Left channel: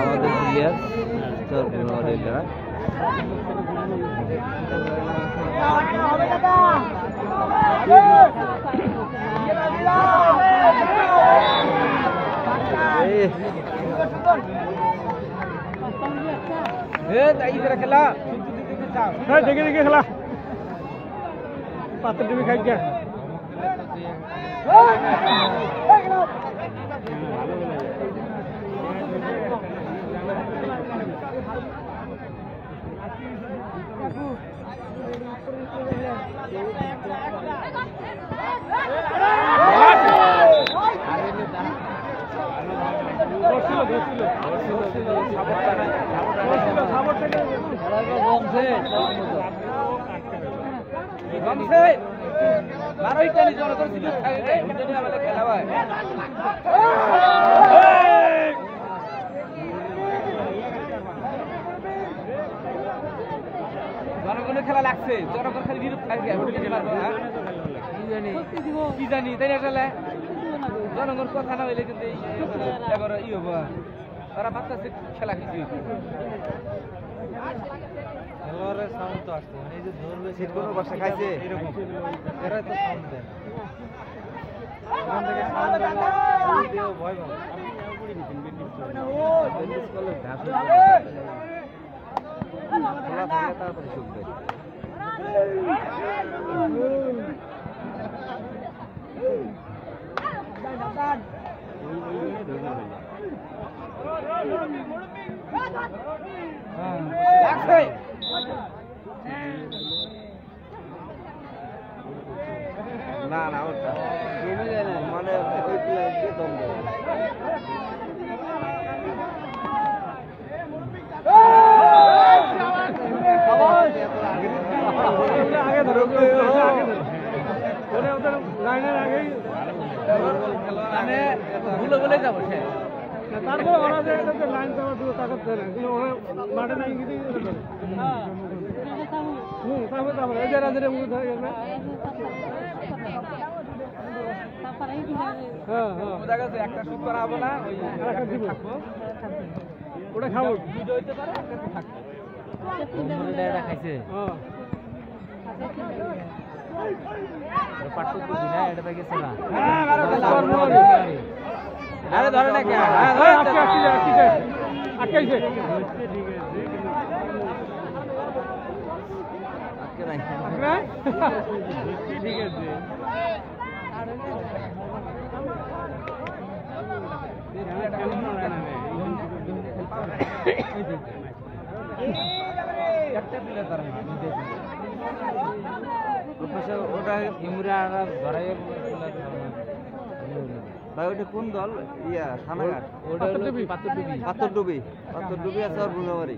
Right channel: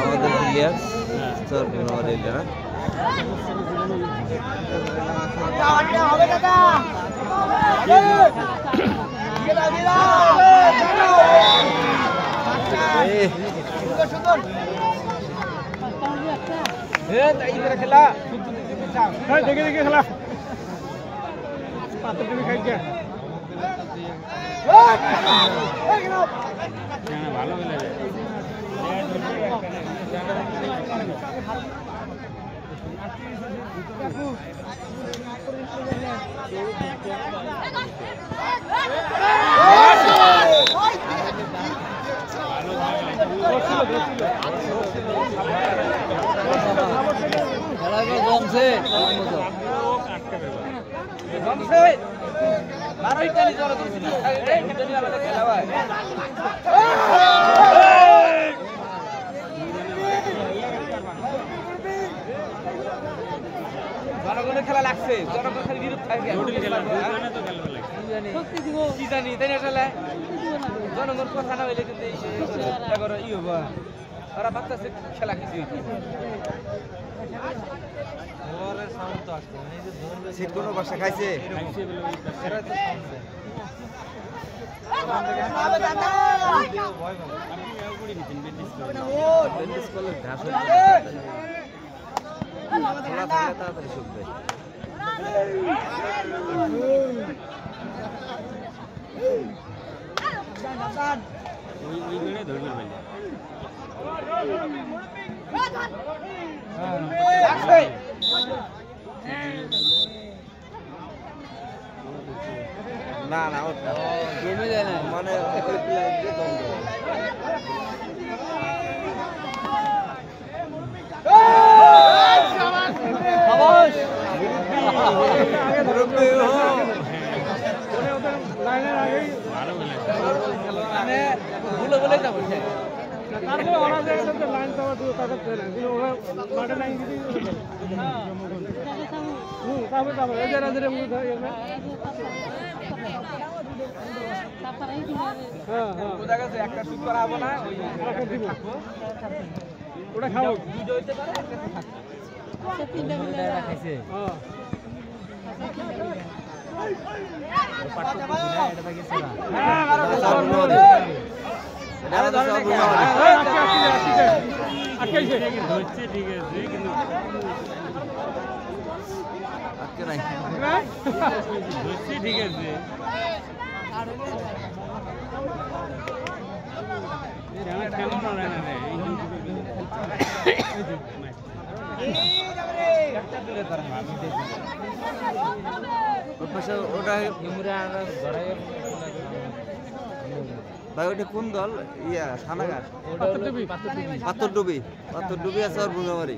আমাদের প্লেয়ার তোর কোনো না দেখে দেখে খেলা পাত্র তুমি খাই যা জনগণের খেলা লাগছে জনগণ খালি বিরূপ কি জানি তাই না খেলা জনগণ কথা না হইলে কিন্তু ই হবো ওরা ভাবতেছে খেলা কিছু শীত কোনো বাসা খাইছে ঘাস খোলা থাকলে তাড়াতাড়ি শুকবে না না ওটা মানে ওই প্লেয়ার কম দেয় তারপরে ওরা যে লাইন তারপরে ওরা মাঠে লাইন দিতে তারপরে এই যে একটা শুট করা হবে না দিব ওটা খাবো ভাই ওটা কোন দল ইয়া থানাঘাট পাথরডুবি আছে আর বুঙ্গামারি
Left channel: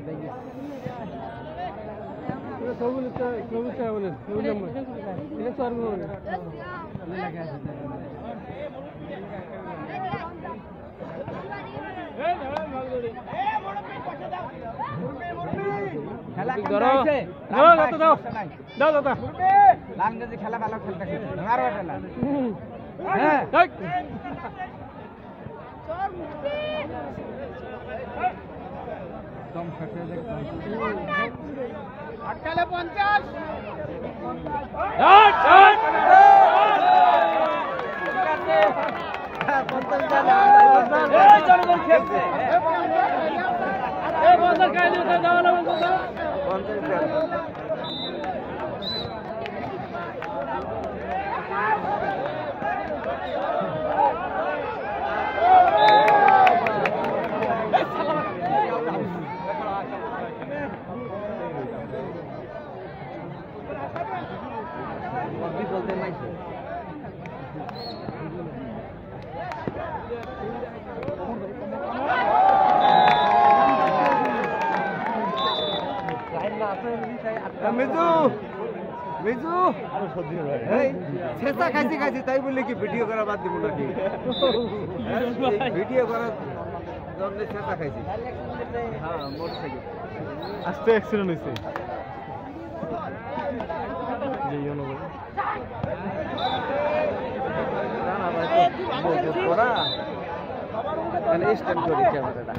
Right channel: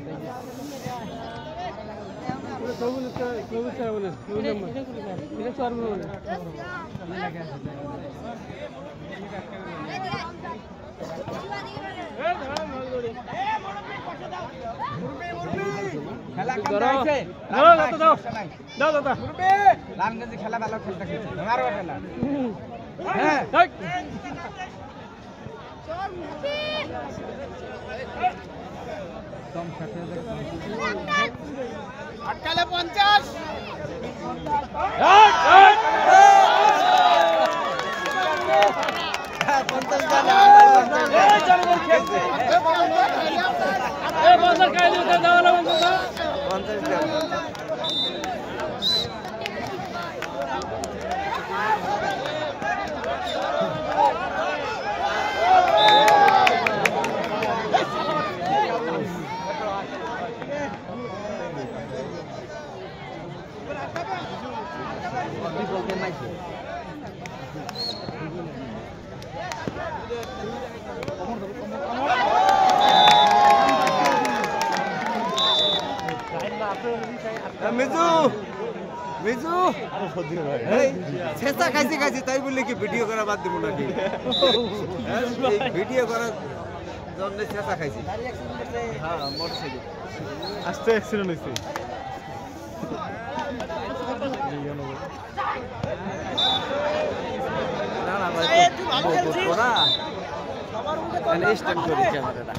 খেলা খেলা ভালো খেলতে আরো খেলা আটকালে 50 বলতে নাই মিজু মিজু শেষা খাইছি তাই বললে কি ভিডিও করা বাদ দিব নাকি ভিডিও করা জন্যে চেঁচা খাইছি হ্যাঁ মোটরসাইকেল আস্তে অ্যাক্সিডেন্ট হয়েছে না না ভাই ওরা স্ট্যান্ড করি ক্যামেরাটা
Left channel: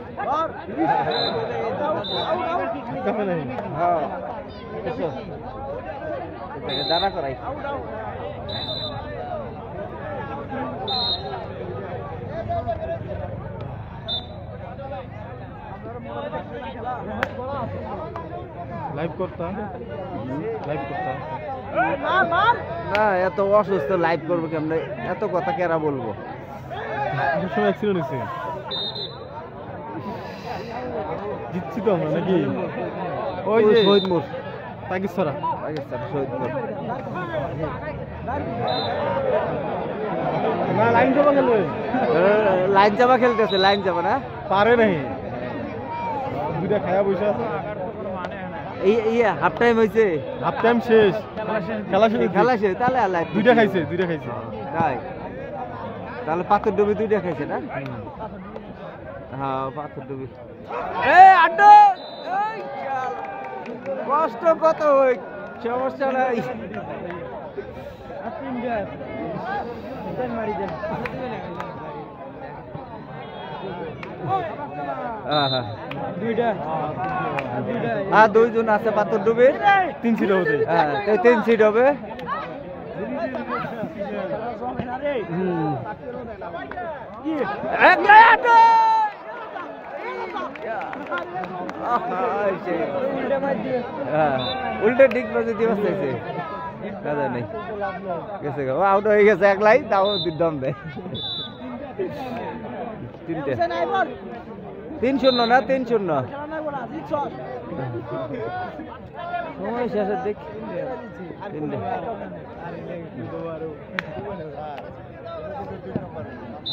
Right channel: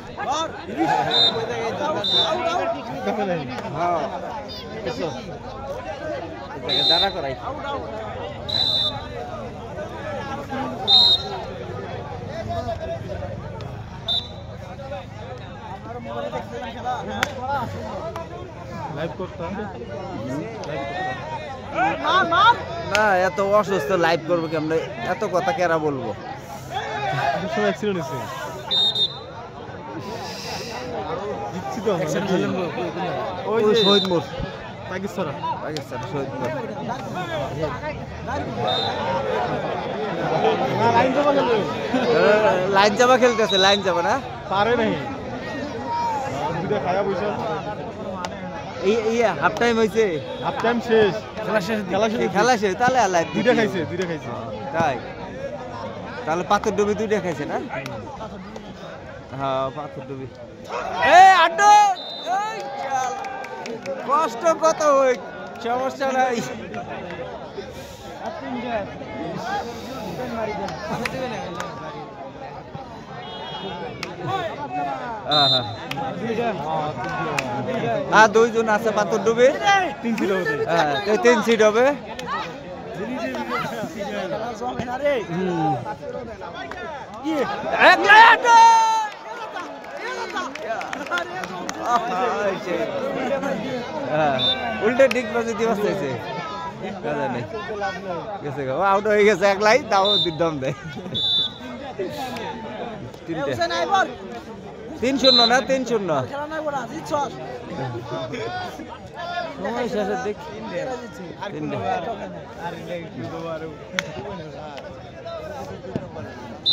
হ্যাঁ দাঁড়া করাই লাইভ করতাম না এত অসুস্থ লাইভ করবো কেমন এত কথা কেরা বলবো অ্যাক্সিডেন্ট হয়েছে জিতছি তো আমরা নাকি ওই যে শহীদ মোড় পাকিস্তান শহীদ মোড় না লাইন যাবা গেল লাইন যাবা খেলতেছে লাইন যাবা না পারে নাই দুইটা খায়া পয়সা এই হাফ টাইম হয়েছে হাফ টাইম শেষ খেলা শেষ তাহলে আল্লাহ দুইটা খাইছে তাই তাহলে পাথর ডুবি দুইটা খাইছে না হ্যাঁ পাথর ডুবি কষ্ট কত হই সমস্যা নাই দুইজন আছে পাথর ডুবে 3 সিট হবে হ্যাঁ 3 সিট হবে উল্টে ডিগ বাজে দিবস চাইছে কাজা নেই গেছে আউট হয়ে গেছে একলাই তাও দম দেয় 3-0 না 3-0 সময় শেষের দিক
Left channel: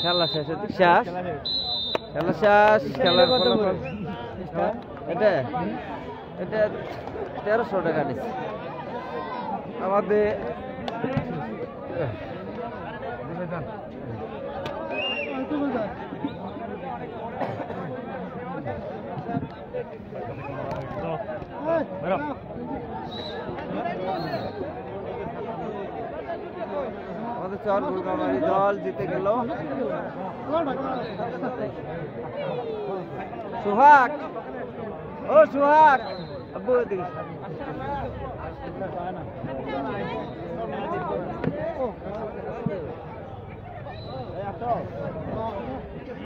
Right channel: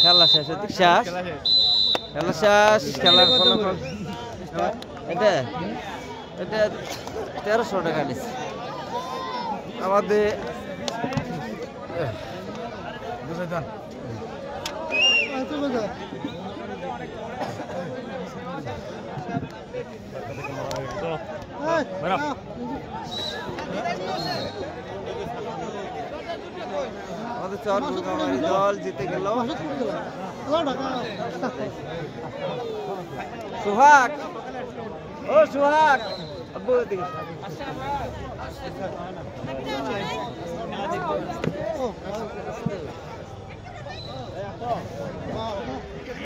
খেলা শেষের দিক শেষ খেলা শেষ খেলার ফলাফল এটা 1300 টাকা নিচ্ছে আমাদের আমাদের চর গুরগামারি দল জিতে গেল সুহাগ ও সুহাগ আব্বু দেখি